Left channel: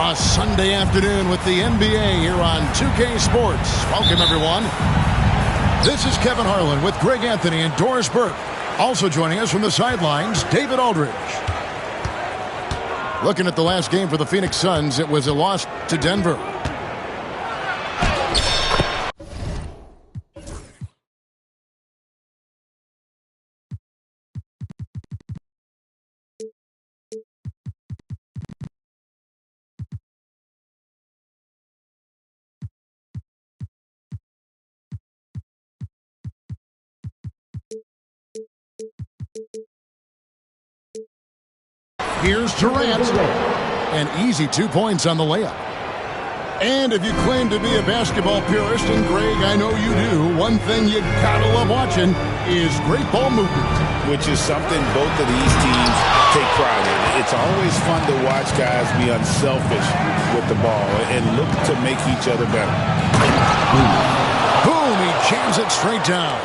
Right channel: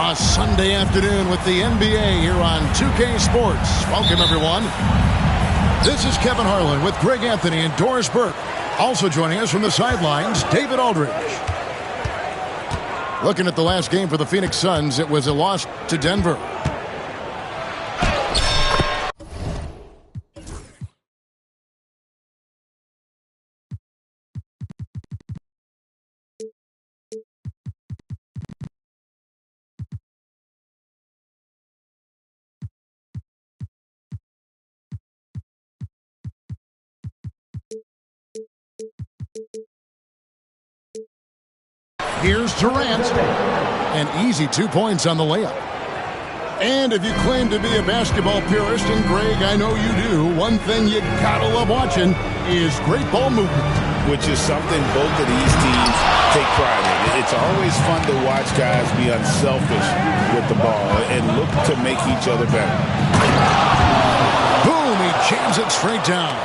A Sunday afternoon with the NBA here on 2K Sports. Welcome, everyone. This is Kevin Harlan with Greg Anthony and Doris Burke. Also joining us from the sidelines, David Aldridge. Looking at the last game for the Phoenix Suns, it was a loss to Denver. Here's Durant. An easy 2 points on the layup. And if you claim to be a basketball purist, and Greg, I know you do, one thing you gotta love watching is great ball movement. Which is something both of these teams take pride in. It's always fun to watch guys be unselfish with the ball and look to make each other better. Boom, he jams it straight down.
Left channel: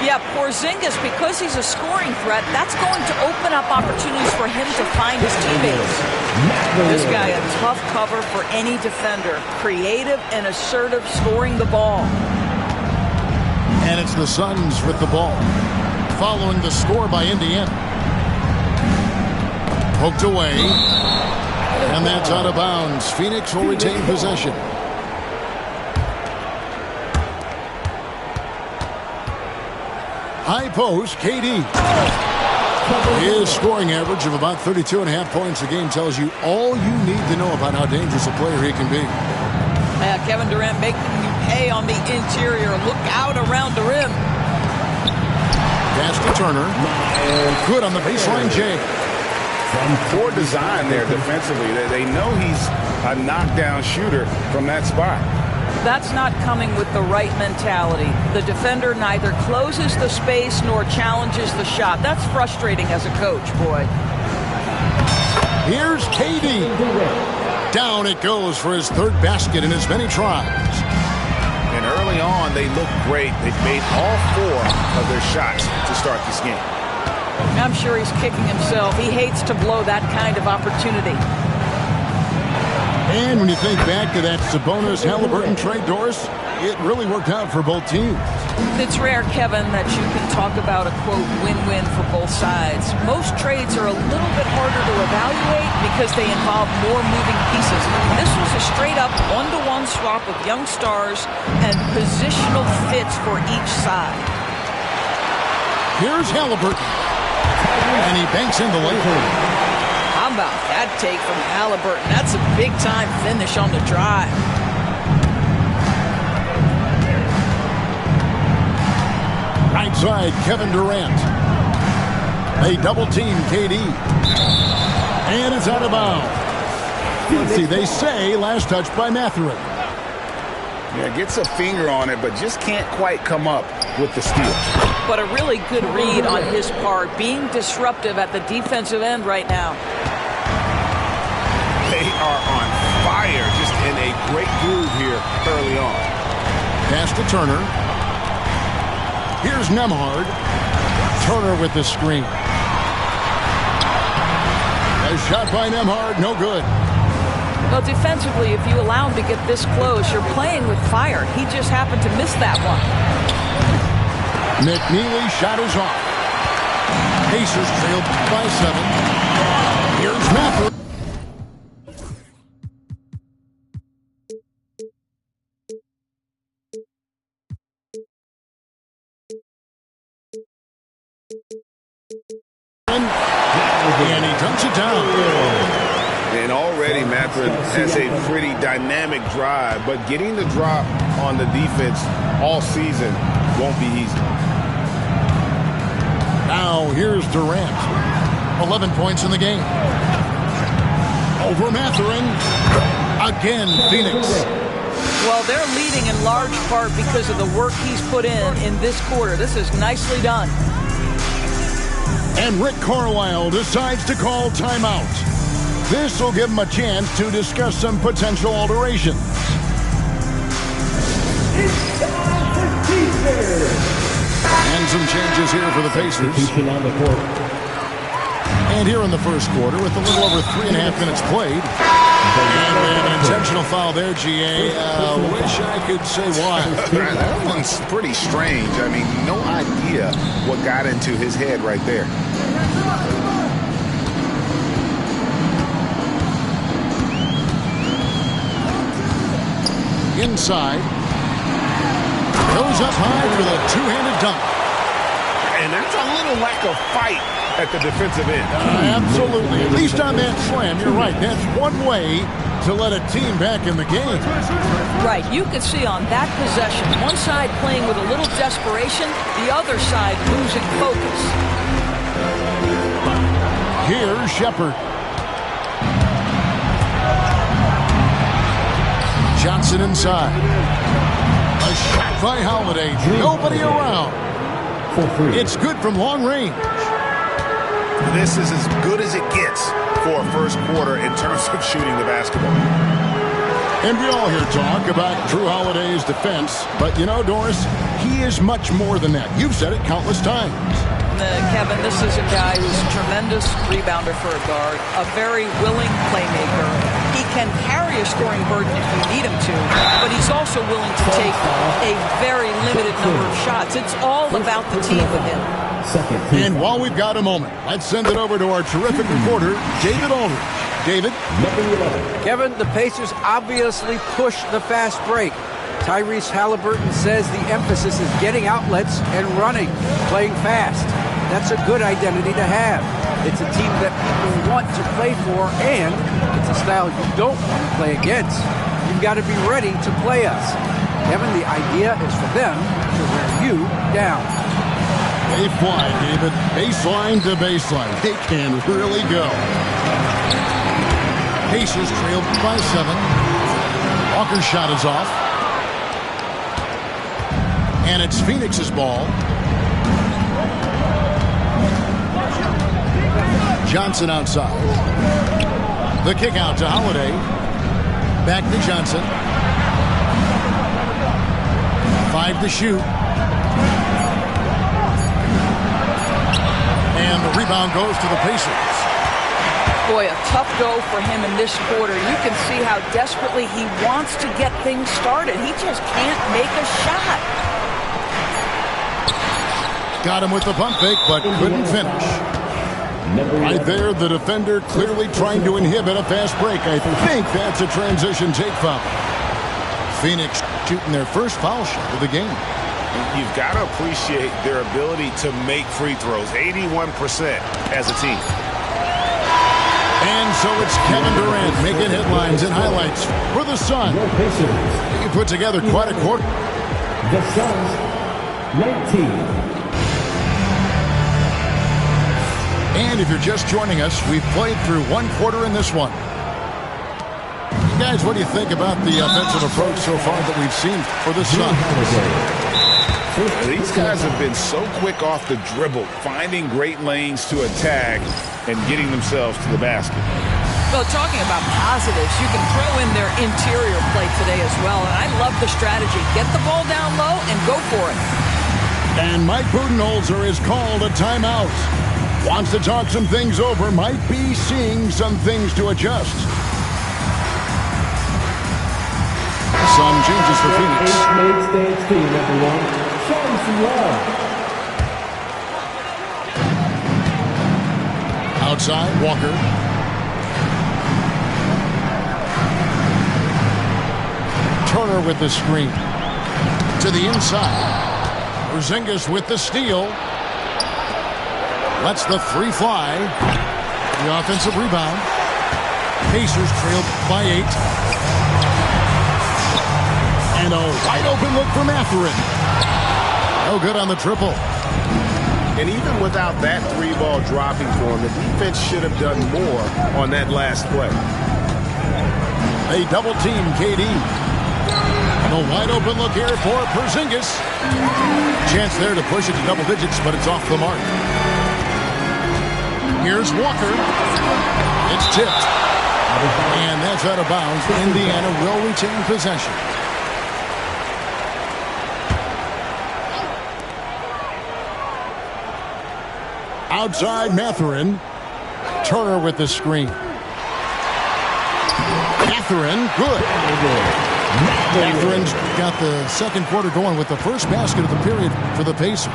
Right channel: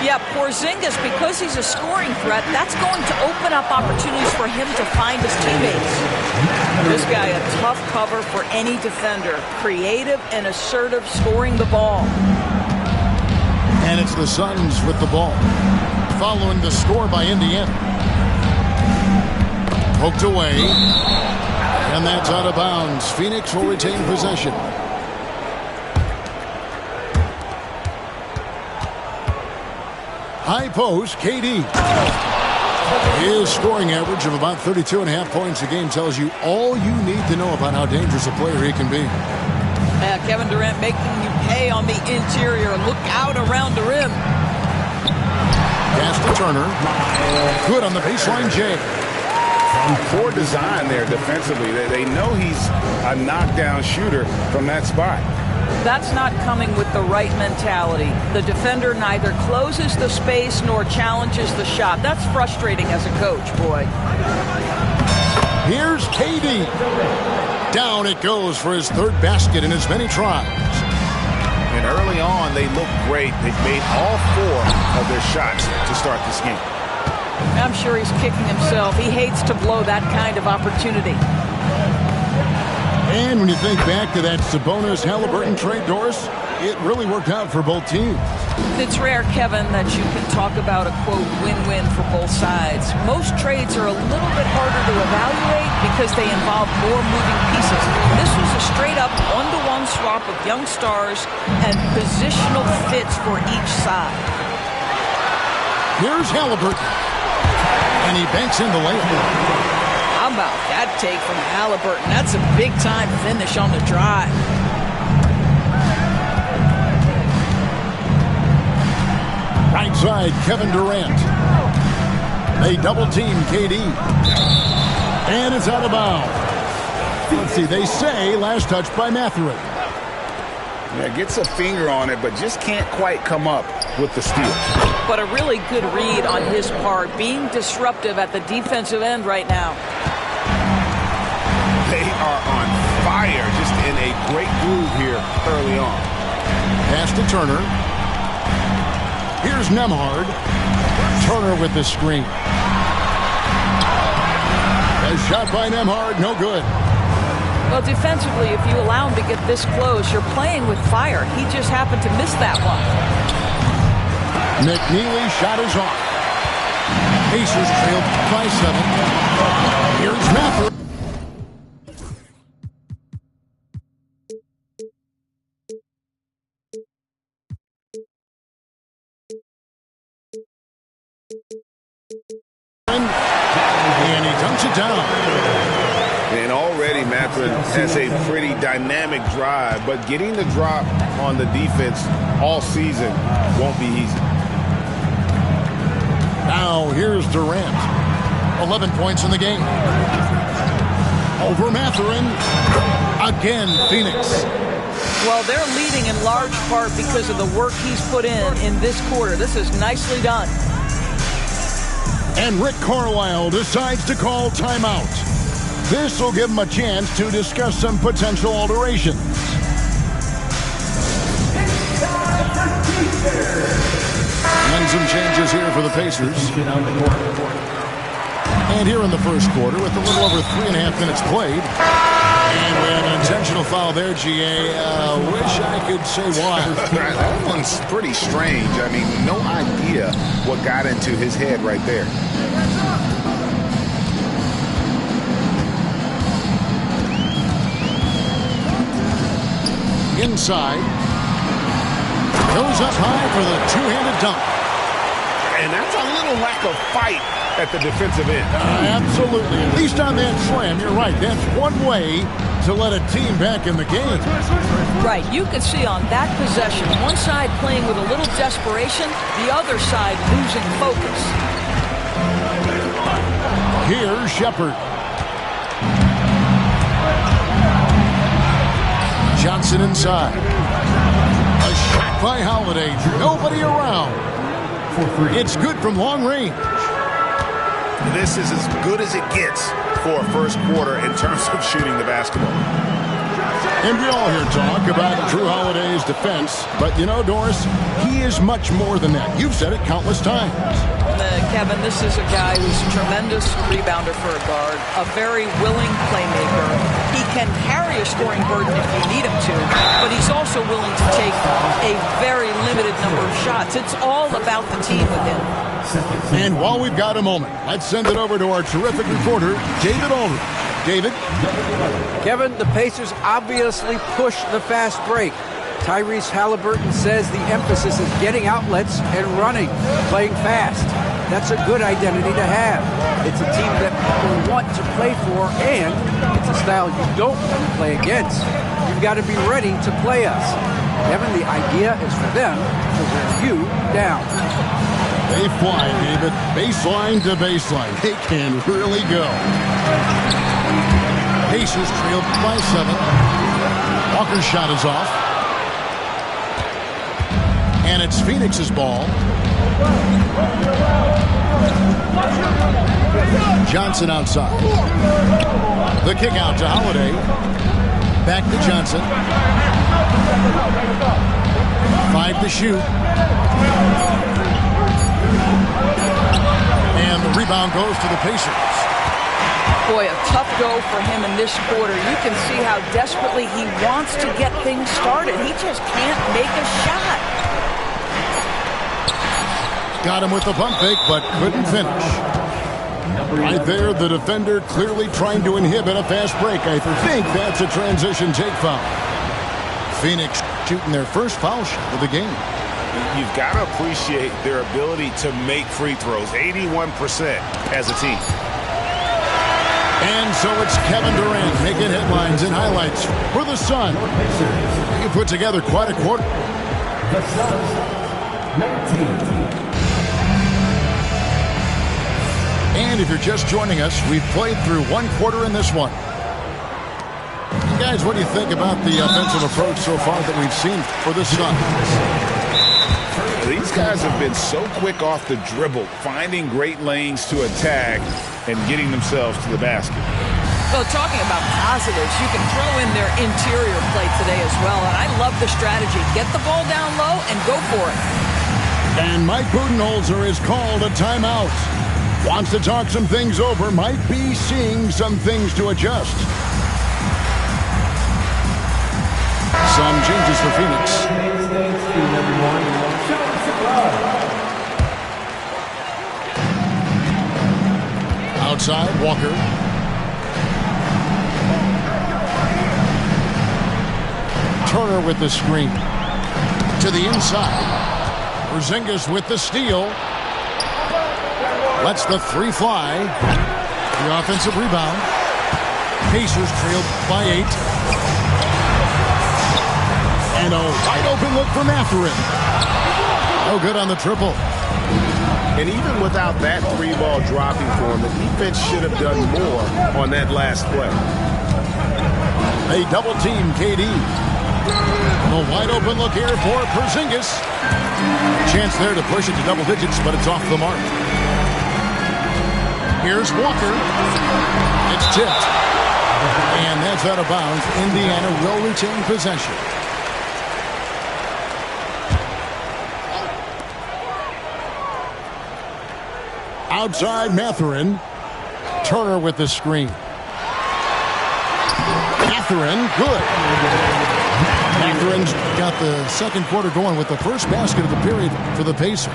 Yeah, Porzingis, because he's a scoring threat, that's going to open up opportunities for him to find his teammates. This guy, a tough cover for any defender. Creative and assertive scoring the ball. And it's the Suns with the ball. Following the score by Indiana. Poked away. And that's out of bounds. Phoenix will retain possession. High post, KD. His scoring average of about 32.5 points a game tells you all you need to know about how dangerous a player he can be. Kevin Durant making you pay on the interior. Look out around the rim. Pass to Turner. Good on the baseline, Jay. Poor design there defensively. They know he's a knockdown shooter from that spot. That's not coming with the right mentality. The defender neither closes the space nor challenges the shot. That's frustrating as a coach, boy. Here's KD. Down it goes for his third basket in as many tries. And early on, they look great. They've made all 4 of their shots to start this game. I'm sure he's kicking himself. He hates to blow that kind of opportunity. And when you think back to that Sabonis-Halliburton trade, Doris, it really worked out for both teams. It's rare, Kevin, that you can talk about a, quote, win-win for both sides. Most trades are a little bit harder to evaluate because they involve more moving pieces. This was a straight-up one-to-one swap of young stars and positional fits for each side. Here's Halliburton. And he banks in the layup. How about that take from Halliburton? That's a big-time finish on the drive. Right side, Kevin Durant. They double-team KD. And it's out of bounds. Let's see, they say last touch by Mathurin. Yeah, gets a finger on it, but just can't quite come up with the steal. But a really good read on his part, being disruptive at the defensive end right now. They are on fire, just in a great groove here early on. Pass to Turner. Here's Nembhard. Turner with the screen. A shot by Nembhard, no good. Well, defensively, if you allow him to get this close, you're playing with fire. He just happened to miss that one. McNeely shot is off. Pacers trailed by 7. Here's Mathurin. And he dunks it down. And already Mathurin has a pretty dynamic drive, but getting the drop on the defense all season won't be easy. Now here's Durant. 11 points in the game. Over Mathurin. Again, Phoenix. Well, they're leading in large part because of the work he's put in this quarter. This is nicely done. And Rick Carlisle decides to call timeout. This will give him a chance to discuss some potential alterations. And some changes here for the Pacers. And here in the first quarter, with a little over 3.5 minutes played, have an intentional foul there, GA. Wish I could say why. That one's pretty strange. I mean, no idea what got into his head right there. Inside. Goes up high for the two-handed dunk. And that's a little lack of fight at the defensive end. Absolutely. At least on that slam, you're right. That's one way to let a team back in the game. Right. You could see on that possession, one side playing with a little desperation, the other side losing focus. Here's Shepard. Johnson inside. A shot by Holiday. Nobody around. It's good from long range. This is as good as it gets for a first quarter in terms of shooting the basketball. And we all hear talk about Jrue Holiday's defense, but you know, Doris, he is much more than that. You've said it countless times. Kevin, this is a guy who's a tremendous rebounder for a guard, a very willing playmaker. He can carry a scoring burden if you need him to, but he's also willing to take a very limited number of shots. It's all about the team with him. And while we've got a moment, let's send it over to our terrific reporter, David Aldridge. David? Kevin, the Pacers obviously push the fast break. Tyrese Halliburton says the emphasis is getting outlets and running, playing fast. That's a good identity to have. It's a team that people want to play for, and it's a style you don't want to play against. You've got to be ready to play us. Kevin, the idea is for them to wear you down. They fly, David. Baseline to baseline. They can really go. Pacers trail by 7. Walker's shot is off. And it's Phoenix's ball. Johnson outside. The kick out to Holiday. Back to Johnson. 5 to shoot. And the rebound goes to the Pacers. Boy, a tough go for him in this quarter. You can see how desperately he wants to get things started. He just can't make a shot. Got him with the pump fake, but couldn't finish. Right there, the defender clearly trying to inhibit a fast break. I think that's a transition take foul. Phoenix shooting their first foul shot of the game. You've got to appreciate their ability to make free throws. 81% as a team. And so it's Kevin Durant making headlines and highlights for the Sun. He put together quite a quarter. The Suns, 19. And if you're just joining us, we've played through one quarter in this one. You guys, what do you think about the offensive approach so far that we've seen for the Suns? These guys have been so quick off the dribble, finding great lanes to attack and getting themselves to the basket. Well, talking about positives, you can throw in their interior play today as well. And I love the strategy. Get the ball down low and go for it. And Mike Budenholzer is called a timeout. Wants to talk some things over. Might be seeing some things to adjust. Some changes for Phoenix. Stay tuned, everyone. Show them some love. Outside, Walker. Turner with the screen. To the inside. Porzingis with the steal. Lets the 3 fly. The offensive rebound. Pacers trailed by 8. And a wide open look for Mathurin. No good on the triple. And even without that 3-ball dropping for him, the defense should have done more on that last play. They double team KD. And a wide open look here for Porzingis. Chance there to push it to double digits, but it's off the mark. Here's Walker. It's tipped. And that's out of bounds. Indiana will retain possession. Outside Mathurin. Turner with the screen. Mathurin, good. Mathurin's got the second quarter going with the first basket of the period for the Pacers.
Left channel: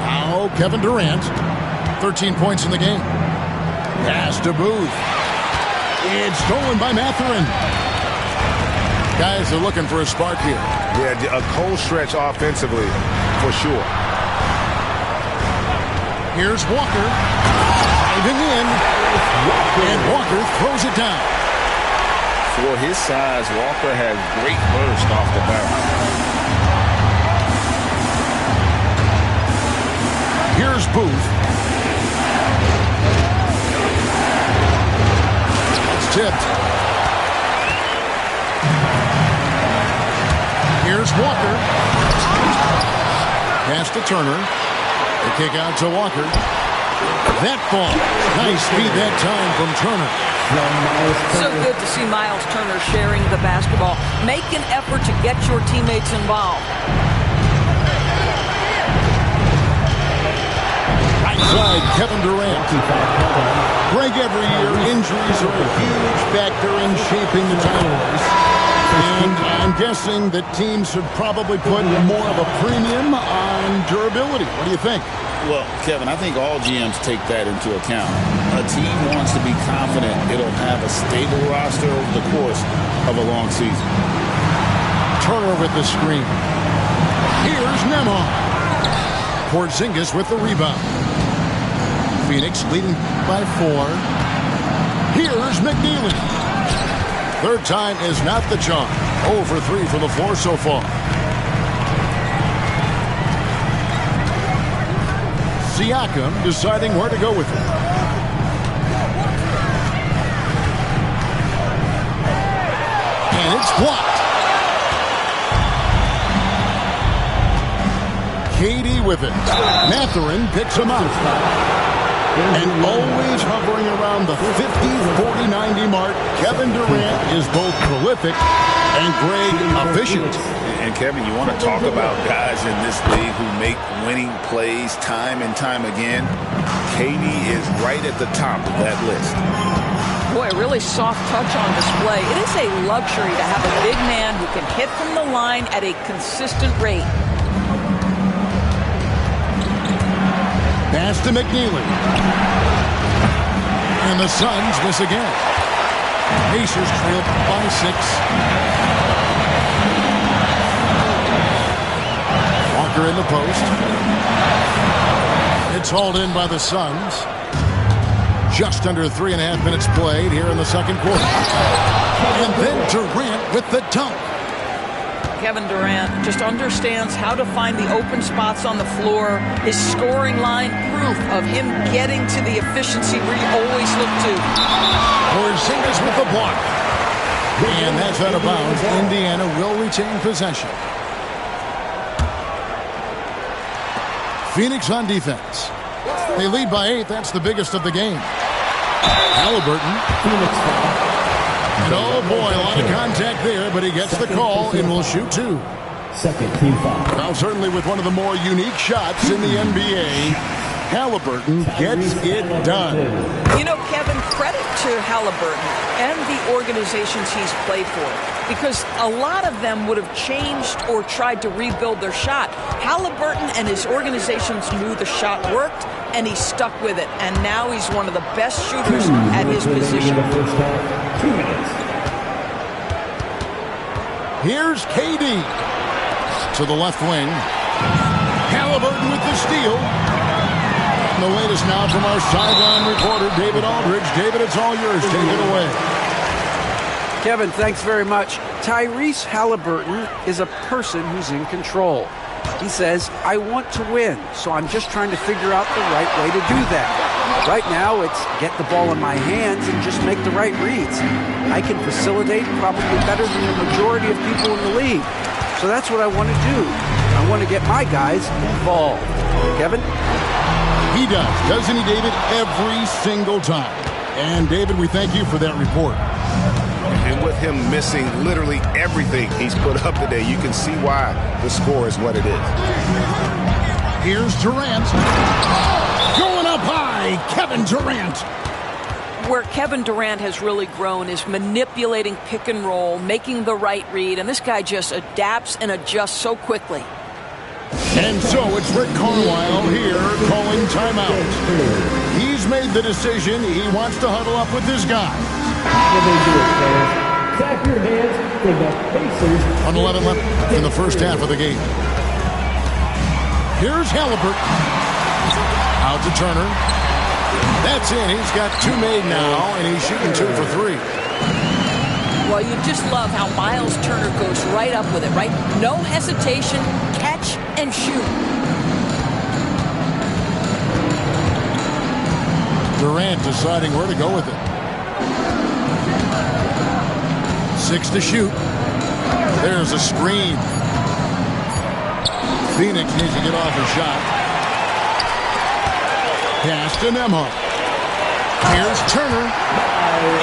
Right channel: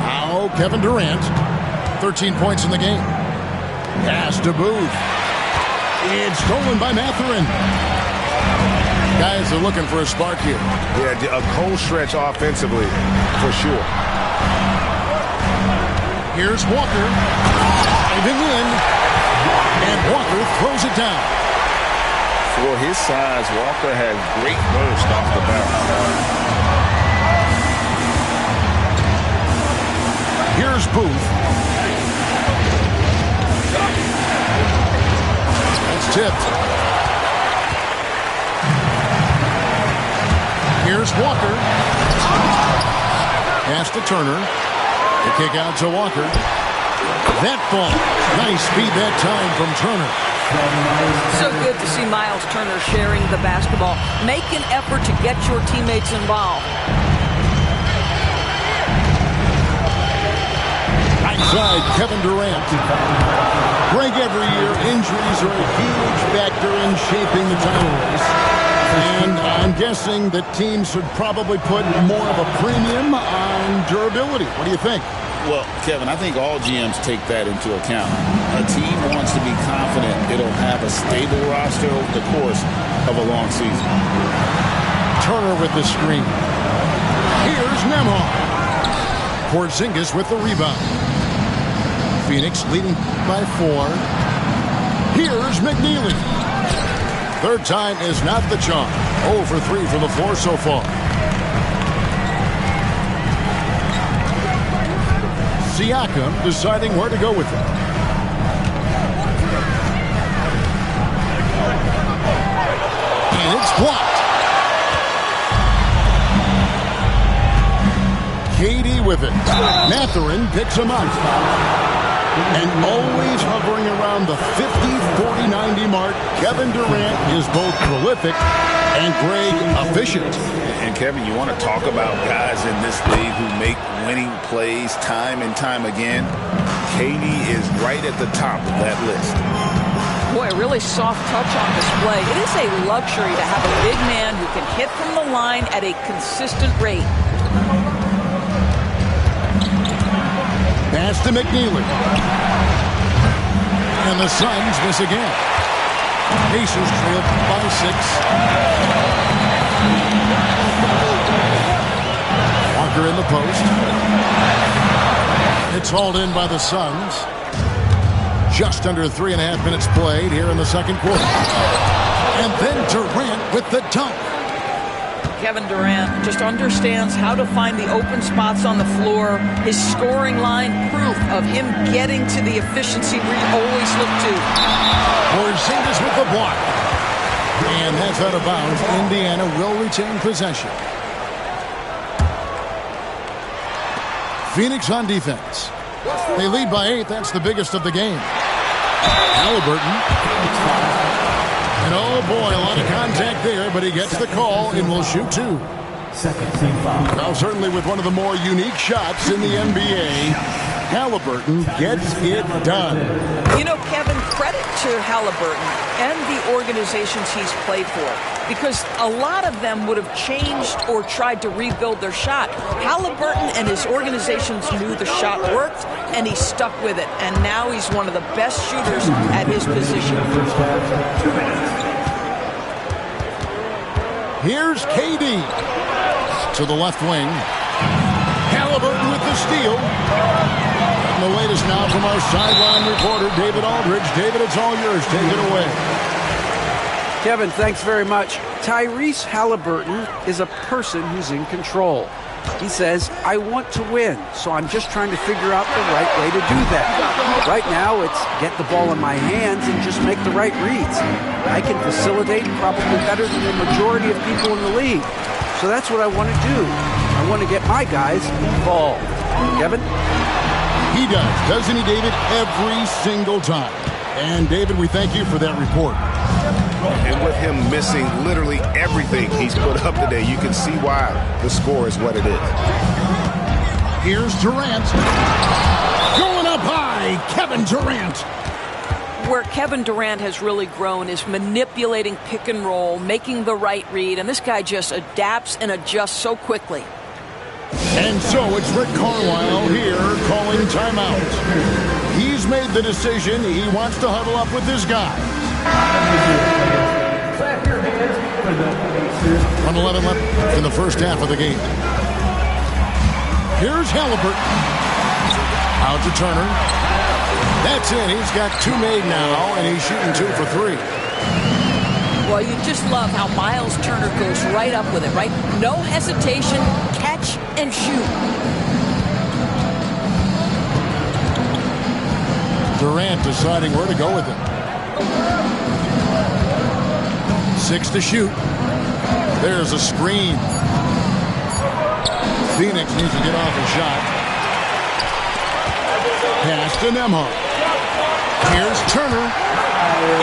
Now Kevin Durant, 13 points in the game. Pass to Booth. It's stolen by Mathurin. Guys are looking for a spark here. Yeah, a cold stretch offensively, for sure. Here's Walker. Diving in. And Walker throws it down. For his size, Walker has great burst off the bounce. Here's Booth. That's tipped. Here's Walker. Pass to Turner. The kick out to Walker. That ball. Nice speed that time from Turner. So good to see Miles Turner sharing the basketball. Make an effort to get your teammates involved. Right side, Kevin Durant. Greg, every year, injuries are a huge factor in shaping the title race. And I'm guessing that teams should probably put more of a premium on durability. What do you think? Well, Kevin, I think all GMs take that into account. A team wants to be confident it'll have a stable roster over the course of a long season. Turner with the screen. Here's Nembhard. Porzingis with the rebound. Phoenix leading by 4. Here's McNeely. Third time is not the charm. 0 for 3 from the floor so far. Siakam deciding where to go with it. And it's blocked. KD with it. Mathurin picks him up. And always hovering around the 50, 40, 90 mark, Kevin Durant is both prolific and Greg efficient. And Kevin, you want to talk about guys in this league who make winning plays time and time again? KD is right at the top of that list. Boy, really soft touch on display. It is a luxury to have a big man who can hit from the line at a consistent rate. Pass to McNeely. And the Suns miss again. Pacers trail by 6. Walker in the post. It's hauled in by the Suns. Just under 3.5 minutes played here in the second quarter. And then Durant with the dunk. Kevin Durant just understands how to find the open spots on the floor. His scoring line, proof of him getting to the efficiency we always look to. Porzingis with the block. And that's out of bounds. Indiana will retain possession. Phoenix on defense. They lead by 8. That's the biggest of the game. Halliburton. Phoenix foul. And oh boy, a lot of contact there, but he gets the call and will shoot 2. Second team foul. Now certainly with one of the more unique shots in the NBA, Halliburton gets it done. You know, Kevin, credit to Halliburton and the organizations he's played for, because a lot of them would have changed or tried to rebuild their shot. Halliburton and his organizations knew the shot worked, and he stuck with it. And now he's one of the best shooters at his position. The first half, 2 minutes. Here's KD to the left wing. Halliburton with the steal. And the latest now from our sideline reporter, David Aldridge. David, it's all yours. Take it away. Kevin, thanks very much. Tyrese Halliburton is a person who's in control. He says, I want to win, so I'm just trying to figure out the right way to do that. Right now, it's get the ball in my hands and just make the right reads. I can facilitate probably better than the majority of people in the league. So that's what I want to do. I want to get my guys involved. Kevin? He does, doesn't he, David? Every single time. And, David, we thank you for that report. And with him missing literally everything he's put up today, you can see why the score is what it is. Here's Durant. Going up high. by Kevin Durant. Where Kevin Durant has really grown is manipulating pick and roll, making the right read, and this guy just adapts and adjusts so quickly. And so it's Rick Carlisle here calling timeout. He's made the decision. He wants to huddle up with his guys. Clap your hands for the Pacers. 1:11 left in the first half of the game. Here's Halliburton. Out to Turner. That's in. He's got 2 made now, and he's shooting 2 for 3. Well, you just love how Miles Turner goes right up with it, right? No hesitation, catch and shoot. Durant deciding where to go with it. 6 to shoot. There's a screen. Phoenix needs to get off a shot. Pass to Nembhard. Here's Turner.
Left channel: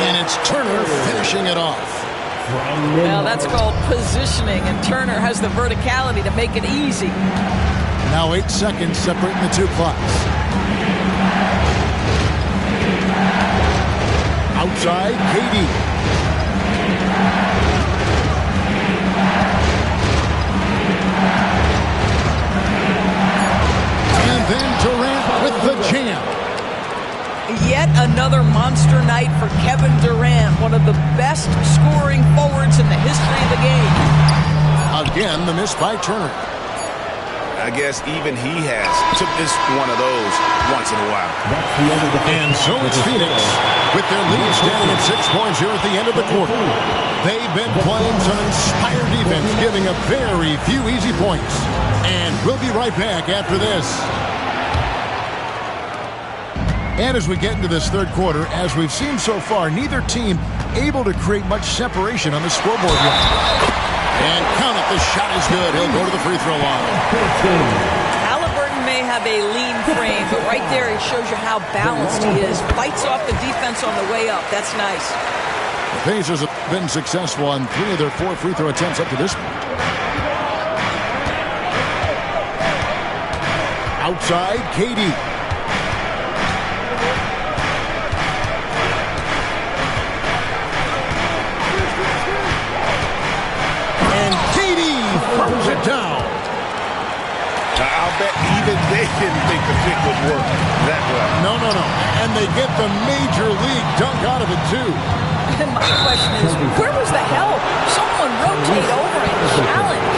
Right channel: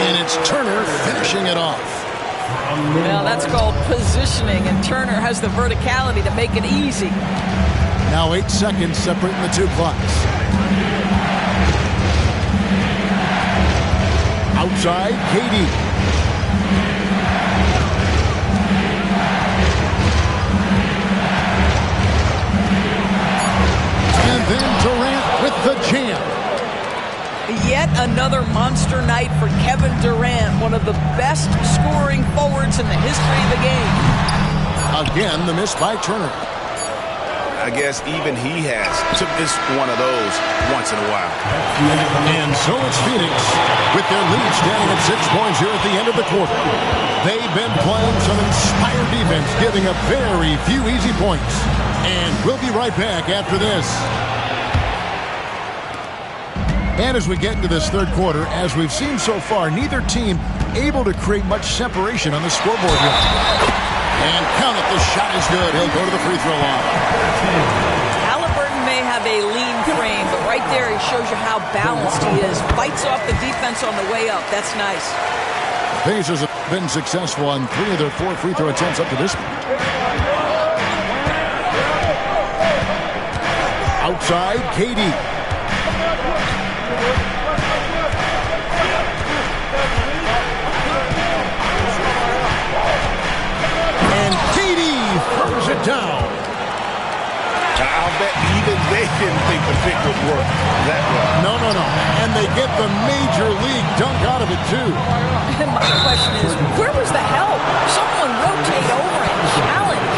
And it's Turner finishing it off. Well, that's called positioning, and Turner has the verticality to make it easy. Now 8 seconds separating the 2 clocks. Outside, KD. And then Durant with the jam. Yet another monster night for Kevin Durant, one of the best scoring forwards in the history of the game. Again, the miss by Turner. I guess even he has to miss one of those once in a while. And so it's Phoenix with their lead standing at 6 points here at the end of the quarter. They've been playing some inspired defense, giving up very few easy points. And we'll be right back after this. And as we get into this third quarter, as we've seen so far, neither team able to create much separation on the scoreboard yet. And count it, the shot is good. He'll go to the free throw line. Halliburton may have a lean frame, but right there he shows you how balanced he is. Fights off the defense on the way up. That's nice. The Pacers have been successful on 3 of their 4 free throw attempts up to this point. Outside, KD. Throws it down. I'll bet even they didn't think the pick would work that well. No. And they get the major league dunk out of it, too. My question is, where was the help? Someone rotate over and challenge.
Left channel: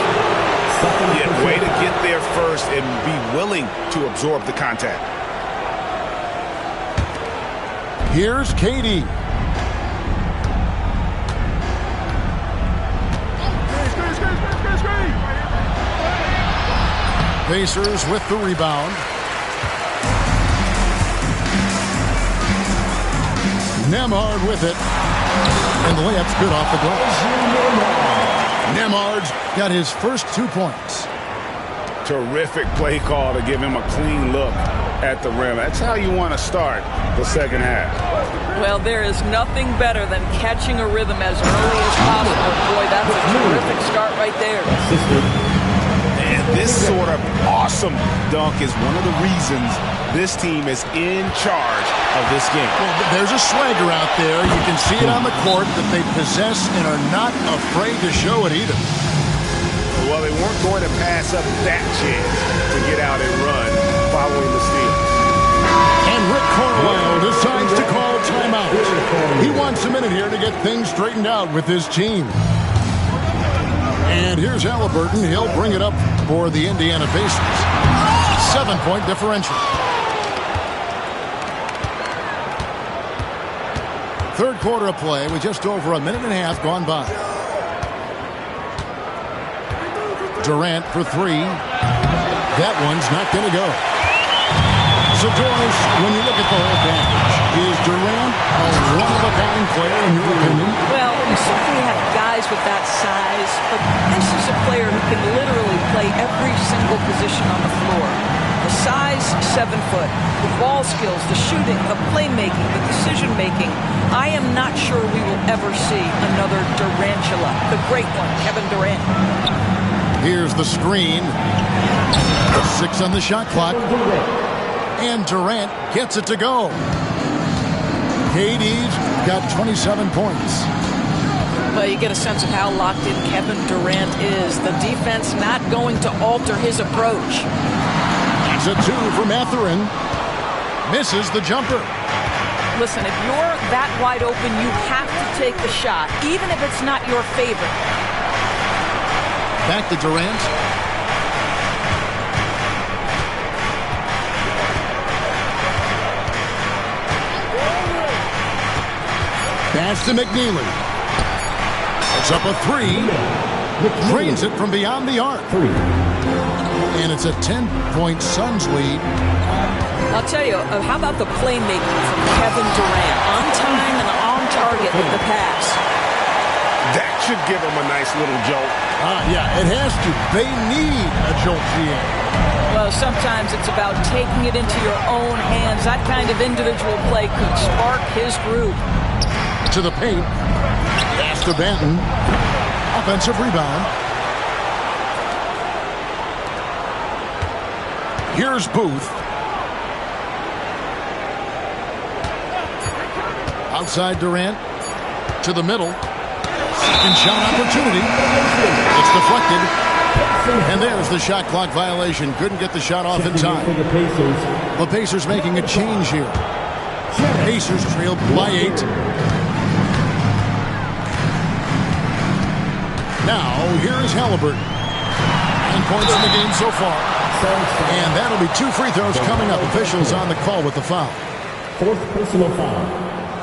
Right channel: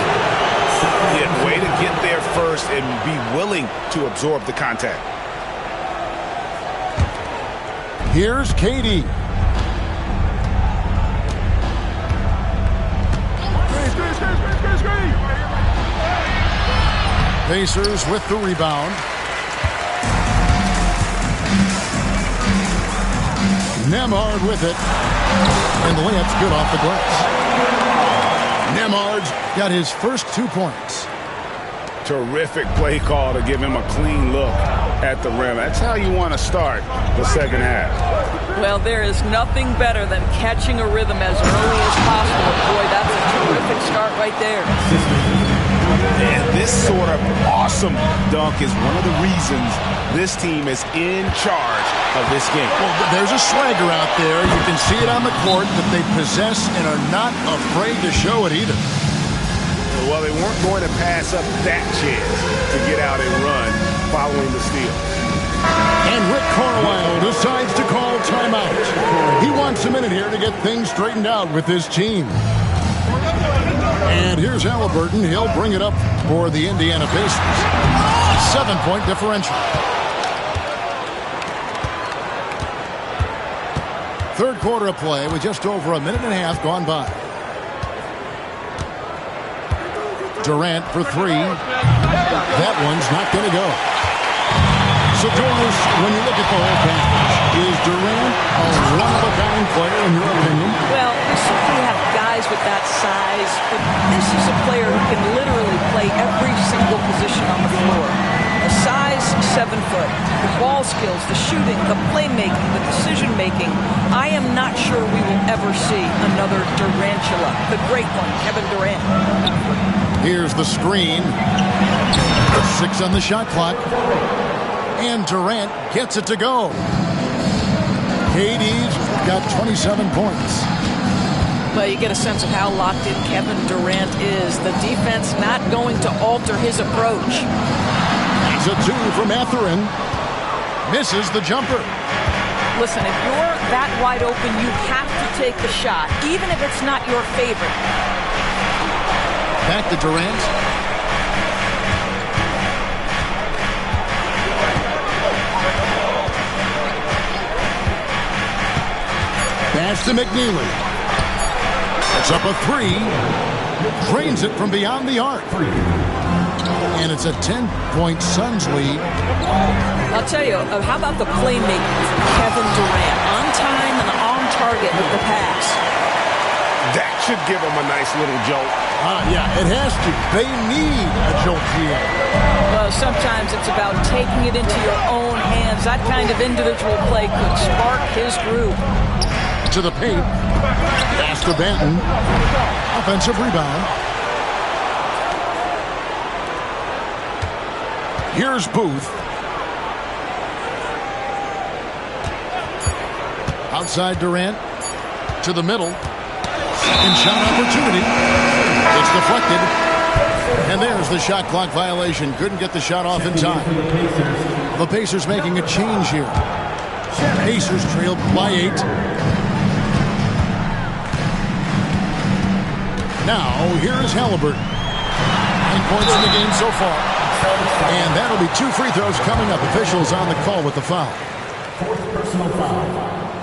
Yeah, way to get there first and be willing to absorb the contact. Here's KD. Pacers with the rebound. Nembhard with it. And the layup's good off the glass. Nembhard's got his first 2 points. Terrific play call to give him a clean look at the rim. That's how you want to start the second half. Well, there is nothing better than catching a rhythm as early as possible. And boy, that's a terrific start right there. And this sort of awesome dunk is one of the reasons this team is in charge of this game. Well, there's a swagger out there. You can see it on the court that they possess and are not afraid to show it either. Well, they weren't going to pass up that chance to get out and run following the steal. And Rick Carlisle decides to call timeout. He wants a minute here to get things straightened out with his team. And here's Halliburton. He'll bring it up for the Indiana Pacers. 7-point differential. Third quarter of play with just over a minute and a half gone by. Durant for 3. That one's not going to go. So, Doris, when you look at the whole package, is Durant a one-of-a-kind player in your opinion? Well, we certainly have guys with that size, but this is a player who can literally play every single position on the floor. A size 7 foot, the ball skills, the shooting, the playmaking, the decision-making. I am not sure we will ever see another Durantula, the great one, Kevin Durant. Here's the screen. 6 on the shot clock. And Durant gets it to go. KD's got 27 points. Well, you get a sense of how locked in Kevin Durant is. The defense not going to alter his approach. That's a 2 from Mathurin. Misses the jumper. Listen, if you're that wide open, you have to take the shot, even if it's not your favorite. Back to Durant. Pass to McNeely. It's up a 3. Drains it from beyond the arc. And it's a 10-point Suns lead. I'll tell you, how about the playmaking from Kevin Durant? On time and on target with the pass. That should give him a nice little jolt. Yeah, it has to. They need a jolt, GA. Well, sometimes it's about taking it into your own hands. That kind of individual play could spark his group. To the paint. Pass to Banton. Offensive rebound. Here's Booth. Outside Durant. To the middle. Second shot opportunity. It's deflected. And there's the shot clock violation. Couldn't get the shot off in time. The Pacers making a change here. Pacers trail by 8. Now, here is Halliburton. 9 points in the game so far. And that'll be 2 free throws coming up. Officials on the call with the foul. 4th personal foul.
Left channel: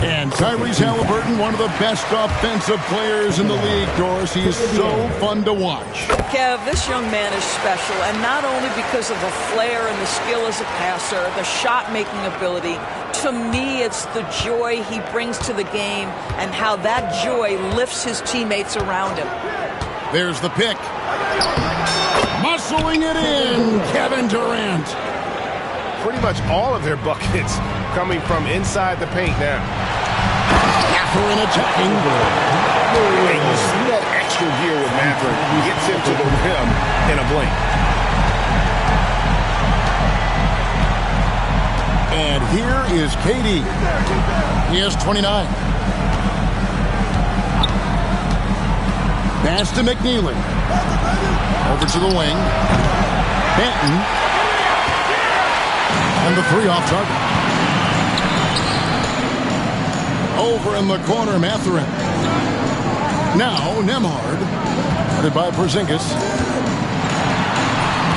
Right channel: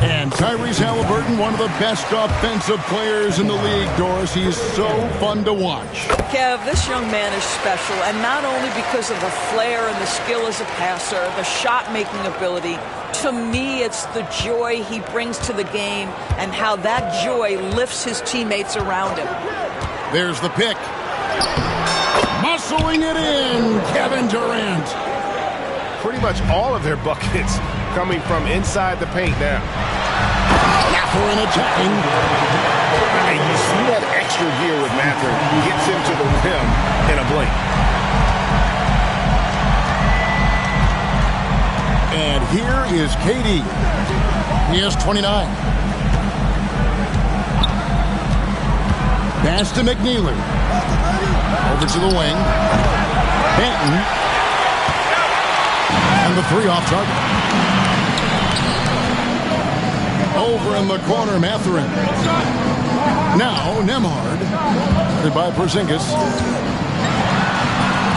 And Tyrese Halliburton, one of the best offensive players in the league, Doris. He is so fun to watch. Kev, this young man is special, and not only because of the flair and the skill as a passer, the shot-making ability. To me, it's the joy he brings to the game and how that joy lifts his teammates around him. There's the pick. Muscling it in, Kevin Durant. Pretty much all of their buckets coming from inside the paint now. Mathurin attacking. And you see that extra gear with Mathurin. Gets him to the rim in a blink. And here is KD. He has 29. Pass to McNeely. Over to the wing. Banton. And the 3 off target. Over in the corner, Mathurin. Now, Nembhard. Headed by Porzingis.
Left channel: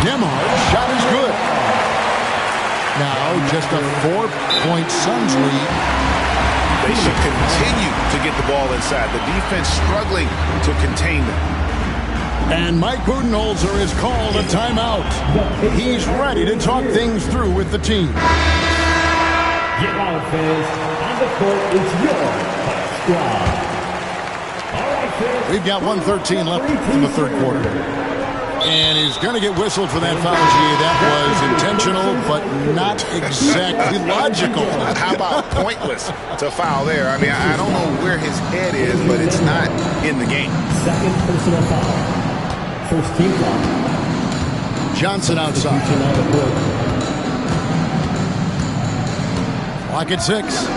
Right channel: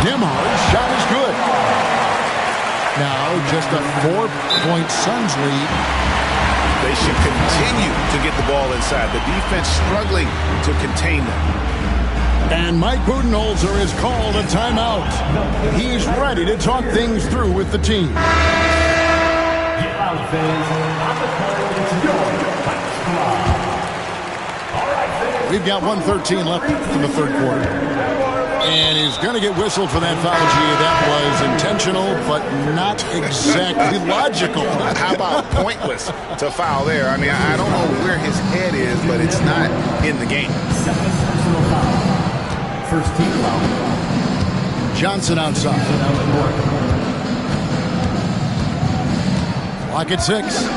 Nembhard's shot is good. Now, just a 4-point Suns lead. They should continue to get the ball inside. The defense struggling to contain them. And Mike Budenholzer has called a timeout. He's ready to talk things through with the team. Get on the fans. On the court, it's your top squad. All right, fans. We've got 1:13 left in the third quarter. And he's going to get whistled for that foul, G. That was intentional, but not exactly logical. How about pointless to foul there? I mean, I don't know where his head is, but it's not in the game. 2nd personal foul. 1st team foul. Johnson outside. Clock at 6.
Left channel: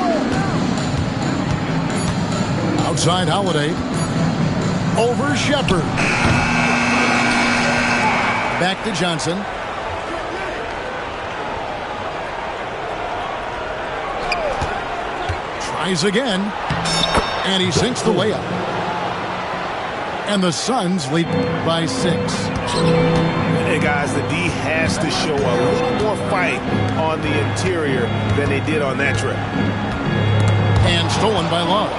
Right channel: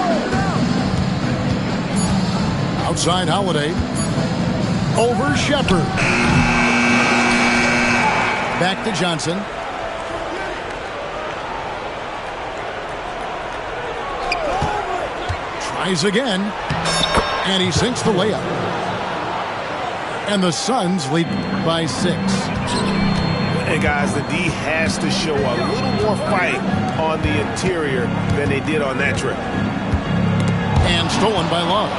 Outside Holiday. Over Shepherd. Back to Johnson. Tries again. And he sinks the layup. And the Suns lead by 6. Hey, guys, the D has to show a little more fight on the interior than they did on that trip. And stolen by Love.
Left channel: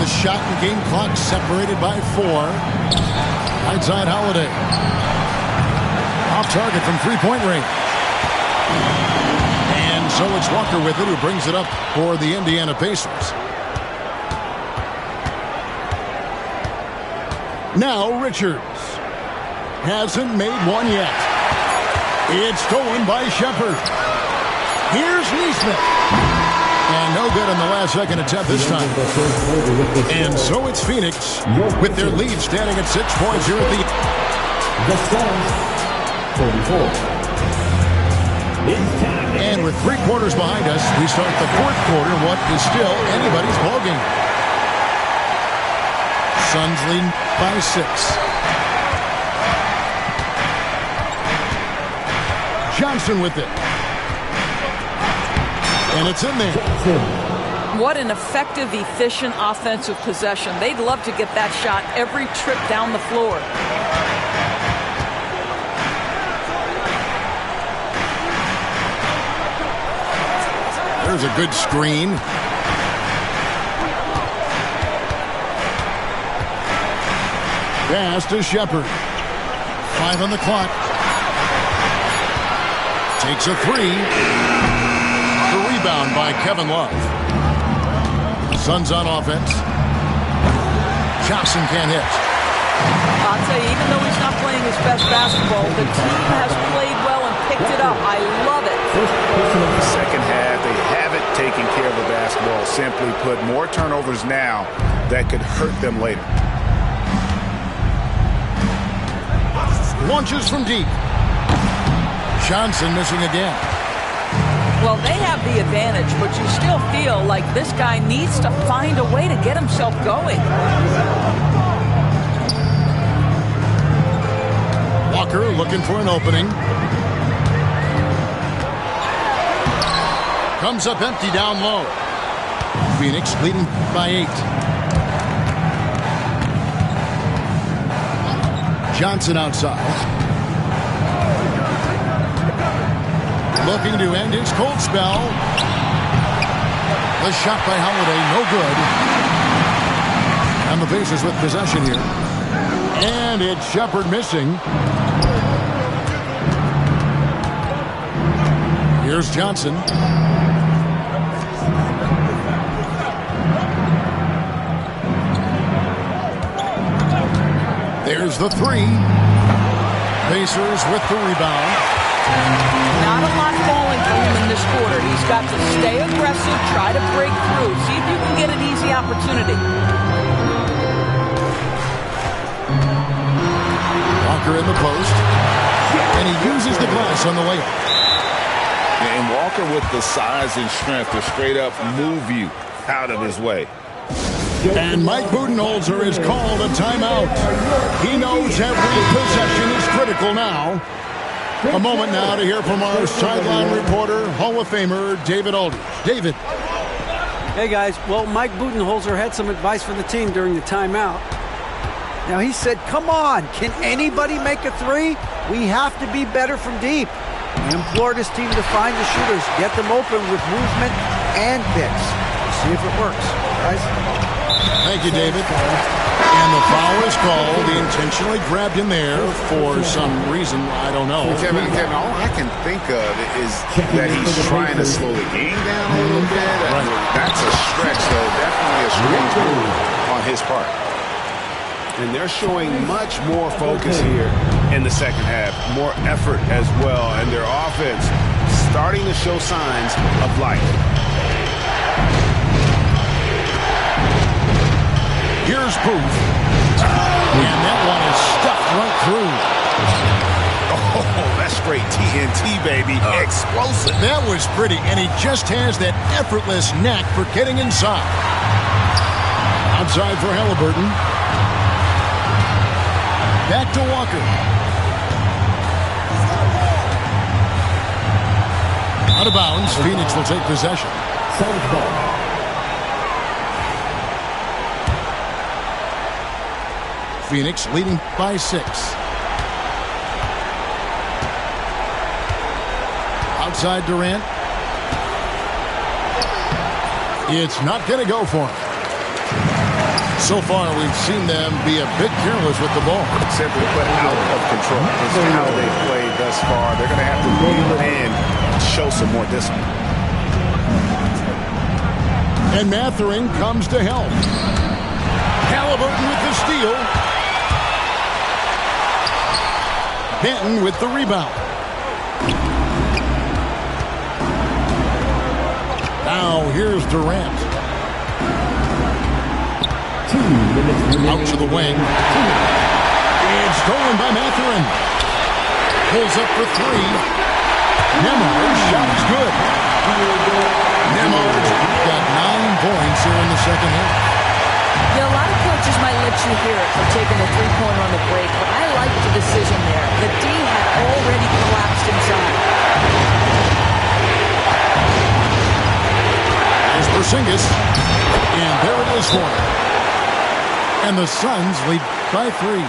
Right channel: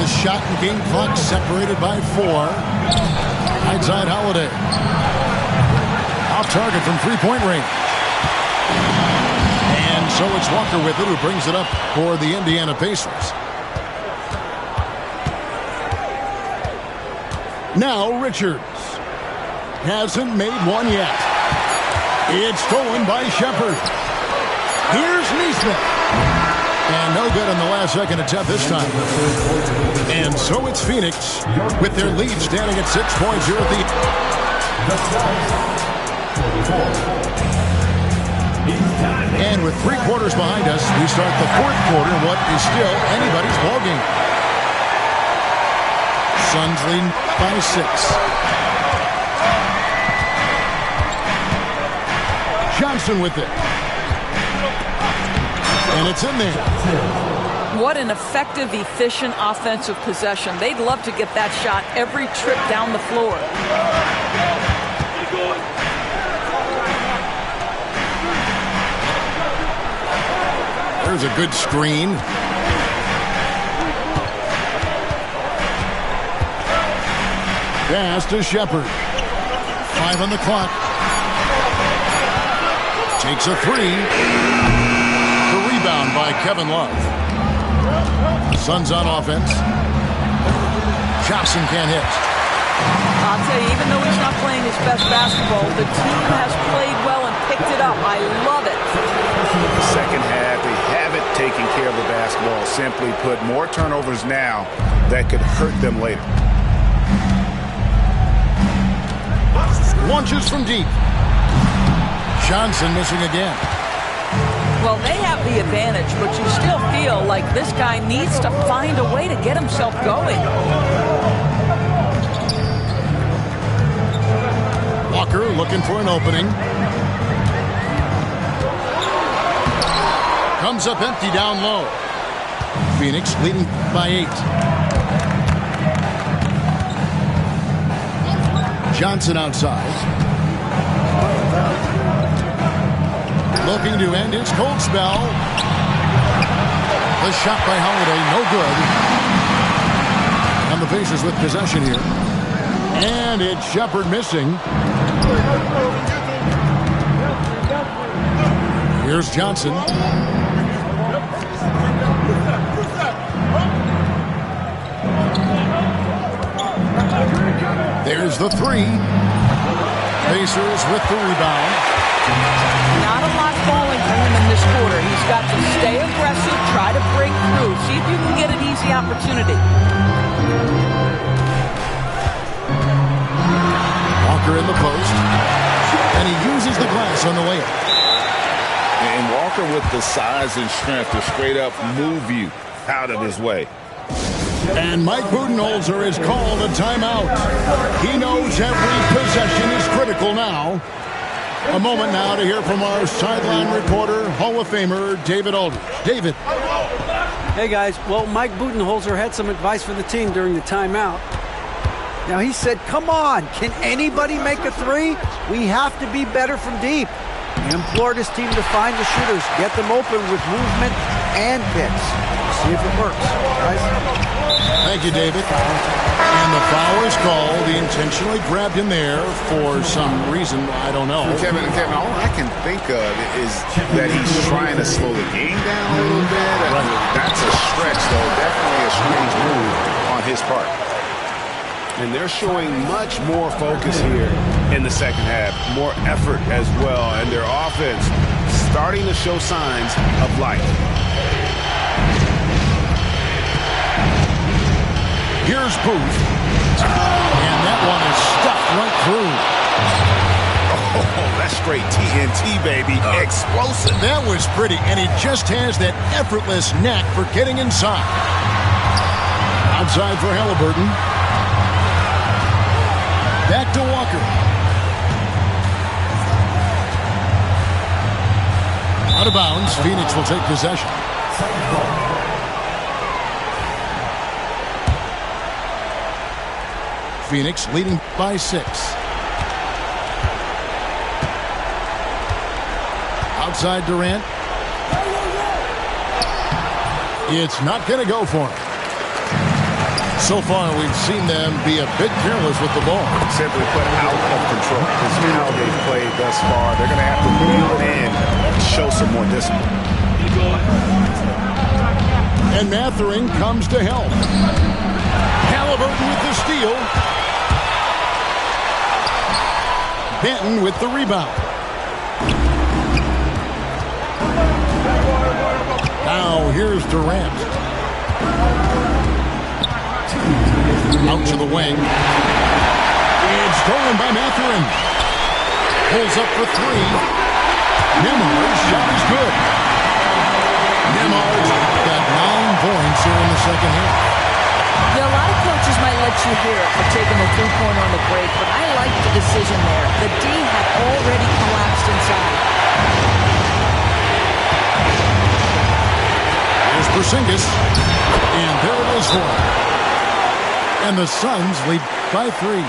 The shot and game clock separated by 4. Outside Holiday. Off target from 3-point range. And so it's Walker with it, who brings it up for the Indiana Pacers. Now Richards. Hasn't made one yet. It's stolen by Shepherd. Here's Nesmith. And no good on the last second attempt this time. And so it's Phoenix with their lead standing at 6 points here at the... The Suns, 34. And with 3 quarters behind us, we start the 4th quarter in what is still anybody's ballgame. Suns leading by 6. Johnson with it. And it's in there. What an effective, efficient offensive possession. They'd love to get that shot every trip down the floor. There's a good screen. Pass to Shepard. 5 on the clock. Takes a 3. The rebound by Kevin Love. Suns on offense. Johnson can't hit. I'll tell you, even though he's not playing his best basketball, the team has played well and picked it up. I love it. Second half, they haven't taken care of the basketball. Simply put, more turnovers now that could hurt them later. Launches from deep. Johnson missing again. Well, they have the advantage, but you still feel like this guy needs to find a way to get himself going. Walker looking for an opening. Comes up empty down low. Phoenix leading by 8. Johnson outside. Looking to end his cold spell. The shot by Holiday, no good. And the Pacers with possession here. And it's Shepard missing. Here's Johnson. There's the 3. Pacers with the rebound. Not a lot falling for him in this quarter. He's got to stay aggressive, try to break through, see if you can get an easy opportunity. Walker in the post, and he uses the glass on the layup. And Walker with the size and strength to straight up move you out of his way. And Mike Budenholzer has called a timeout. He knows every possession is critical now. A moment now to hear from our sideline reporter, Hall of Famer David Aldridge. David. Hey, guys. Well, Mike Budenholzer had some advice for the team during the timeout. Now, he said, come on, can anybody make a 3? We have to be better from deep. He implored his team to find the shooters, get them open with movement and picks. We'll see if it works, guys. Thank you, David. And the foul is called. He intentionally grabbed him there for some reason. I don't know. Kevin, all I can think of is that he's trying to slow the game down a little bit. Right. That's a stretch, though. Definitely a strange move on his part. And they're showing much more focus here in the second half. More effort as well. And their offense starting to show signs of life. Here's Booth. And that one is stuffed right through. Oh, that's straight TNT, baby. Explosive. That was pretty. And he just has that effortless knack for getting inside. Outside for Halliburton. Back to Walker. Out of bounds. Phoenix will take possession. Phoenix leading by 6. Outside Durant. It's not going to go for him. So far, we've seen them be a bit careless with the ball. Simply put, out of control. This is how they've played thus far. They're going to have to reel it in and show some more discipline. And Mathurin comes to help. Halliburton with the steal. Benton with the rebound. Now here's Durant. Out to the wing. It's stolen by Mathurin. Pulls up for 3. Nembhard's shot is good. Nembhard's got 9 points here in the second half. Yeah, a lot of coaches might let you hear it for taking the three-pointer on the break, but I like the decision there. The D had already collapsed inside. Here's Porzingis, and there it is for him. And the Suns lead by 3.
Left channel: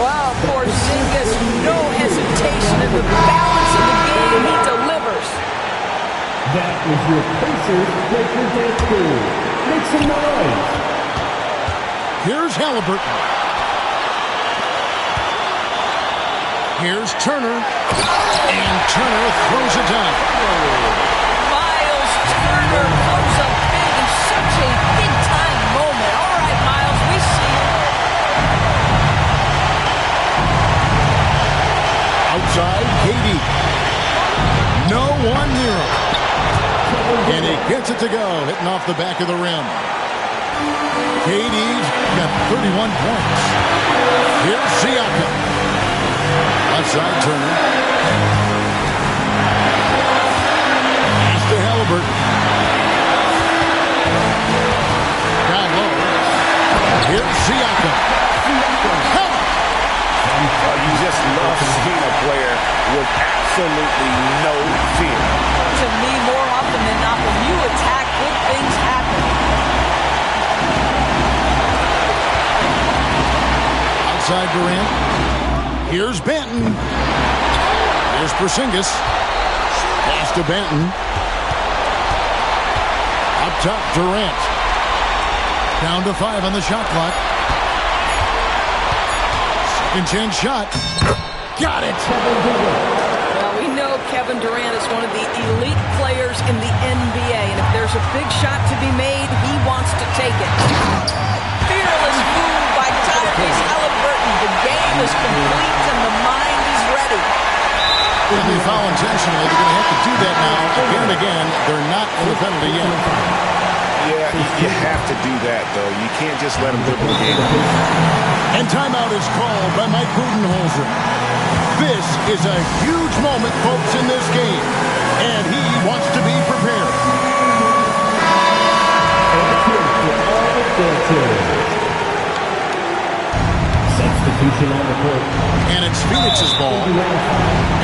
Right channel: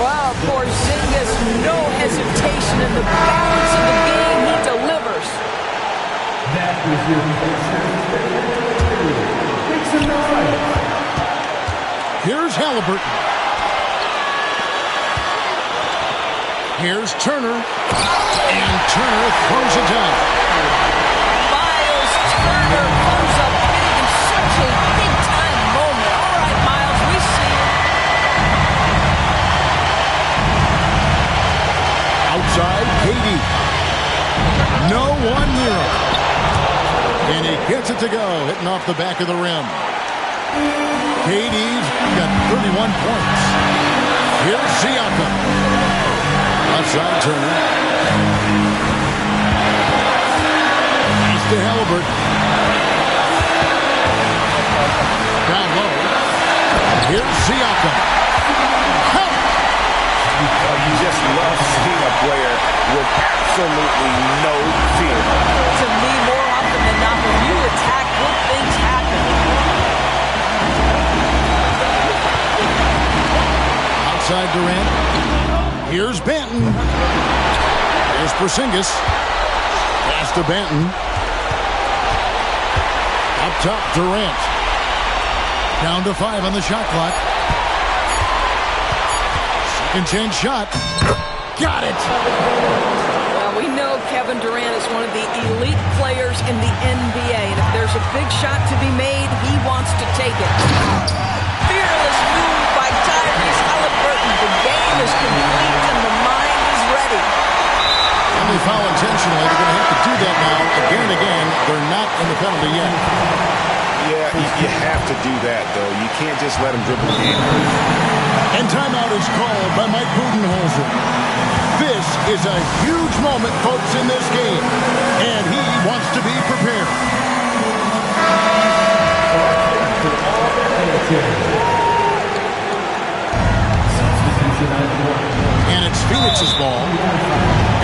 Wow, Porzingis, no hesitation in the balance of the game. He delivers. That is your Pacers period. Make some noise. Here's Halliburton. Here's Turner. And Turner throws it down. Miles Turner comes up big in such a big-time moment. All right, Miles, we see you. Outside, KD. No one near him. And he gets it to go, hitting off the back of the rim. KD's got 31 points. Here's Siakam. Outside Turner. Pass to Halliburton. Down low. Here's Siakam. Count it. You just love seeing a player with absolutely no fear. To me, more often than not, when you attack, good things happen. Outside Durant. Here's Banton. Here's Porzingis. Pass to Banton. Up top, Durant. Down to 5 on the shot clock. Second chance shot. Got it. Well, we know Kevin Durant is one of the elite players in the NBA, and if there's a big shot to be made, he wants to take it. Fearless move by Tyrese Halliburton. The game is complete and the mind is ready. When they foul intentionally, they're going to have to do that now again and again. They're not in the penalty yet. Yeah, you have to do that, though. You can't just let them dribble the game. And timeout is called by Mike Budenholzer. This is a huge moment, folks, in this game. And he wants to be prepared. Substitution on the court. And it's Phoenix's ball.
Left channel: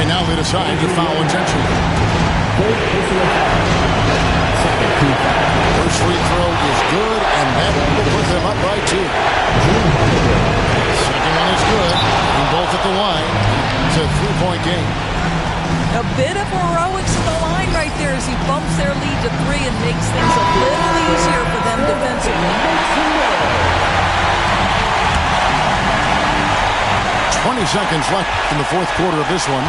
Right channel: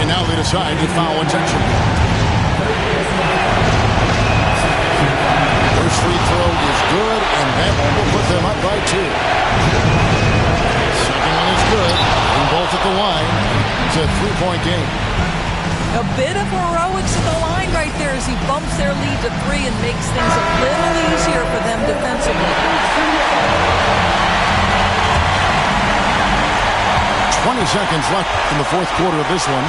And now they decide to foul intentionally. First free throw is good, and that will put them up by 2. Second one is good. And both at the line. It's a 3-point game. A bit of heroics at the line right there as he bumps their lead to 3 and makes things a little easier for them defensively. 20 seconds left in the fourth quarter of this one.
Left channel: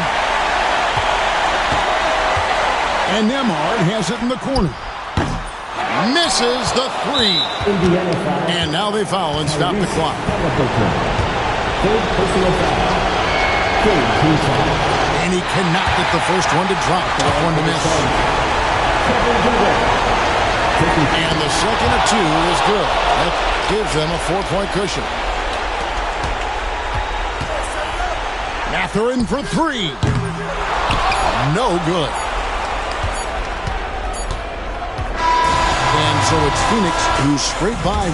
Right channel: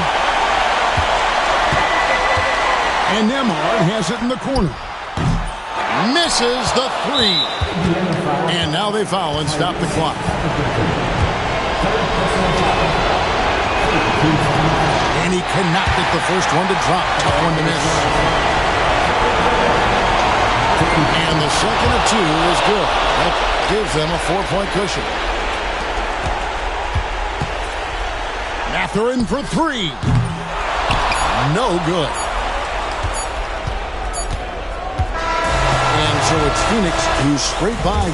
And Nembhard has it in the corner. Misses the 3. And now they foul and stop the clock. And he cannot get the first one to drop. Tough one to miss. And the second of 2 is good. That gives them a 4-point cushion. Mathurin for 3. No good. And so it's Phoenix who scraped by with